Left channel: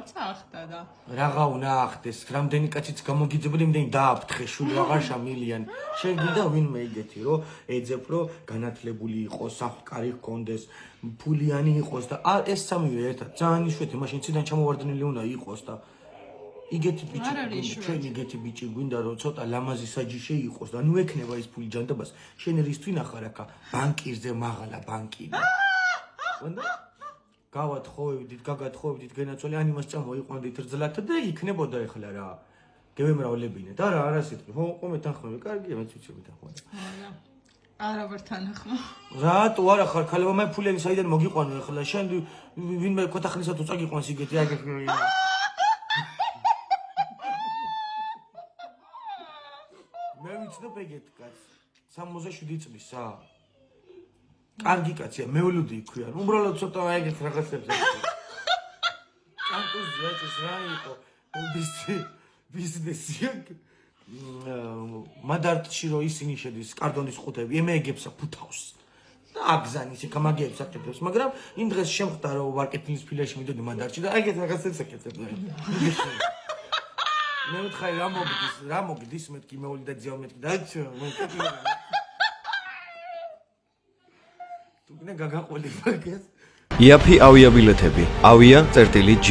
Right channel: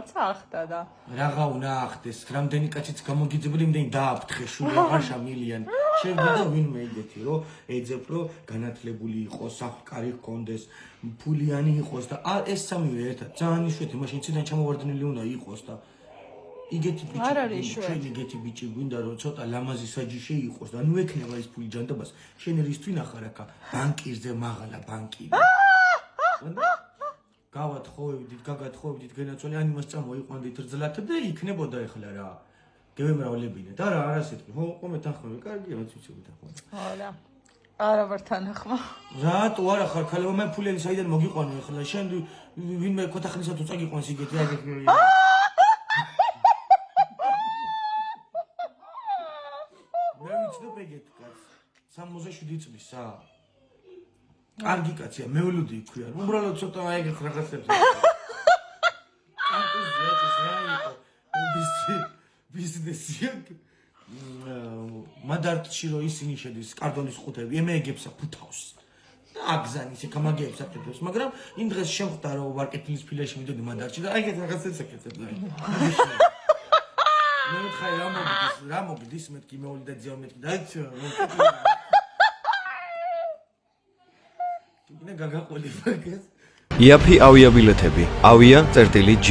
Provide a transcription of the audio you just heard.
რაღაცა ახდა და რაღა უნდა ახდეს, რამდენი კაციც გამოგიძებოდი, იმდენი დააფრთხე, შული აღარ შამილიან. შეგვიდა ვინმე იგეთი, რომ ეძებ, რომ განათლებული იყოს, საფკარი ჰქონდეს, ფულიანი იყოს და ეს სამივე ერთად ძალიან იშვიათი, მაშინ ციდან ჩამოვარდნილი უნდა იყოს და იგეთი ბიჭი, ჩვენ იგეთი ბიჭი გვინდა, რომ ცოტა ლამაზი საჯიში იყოს და ნუ ექნება ის ფული ჯანდაბას. შენ რის თვინ ახარ აქა ბანკირზე მაღალა ბანკირი. გავათხოვებდით, გაგათხოვებდით გენაცვალე, ან იმას წამოიყვანდით რძლად და იქნებოდა ეხლა რა. გევემრავლებინეთ. არა, არა სიტყვი. ხომ ეთანხმები, კარგია, მეც ვიცი ეთანხმები. არა. არა ვარ თანახმა. რატო არა ხარ, ქალებო მე ფულიანი საიდან მოგიყვანო ეხლა? შენ ვინმე ქოთახნისა თუ წაგიყვანს იგეთი აგეთ. მე ვიცნობ ეგეთ კაცს. 67 წლისა. კარგი კაცია, მეულუდი იქვია. უბრალოდ ცოტა ეგეთ რაღაცებს. კანტუზია ეს რა იყო? ბიზნესია. მადარტში რო ისინი შედის კარდონის ხუთები, ემეგებსა ფუთავს. და აგზანის იქ მაგეებს აკეთებს, მაგრამ იმ დღეს შემხვდა რომ მარკეტინგის ფილაში მიდოდი მადარტში და ეგეთ რაღაცებს აკეთებ. მე ვთხარი რა მოგდის მეთქი მეული და ძიო მეთქი და თუ გინდა გაგაყოლი მაგას. იაფი ავიაბილეთები. avia.g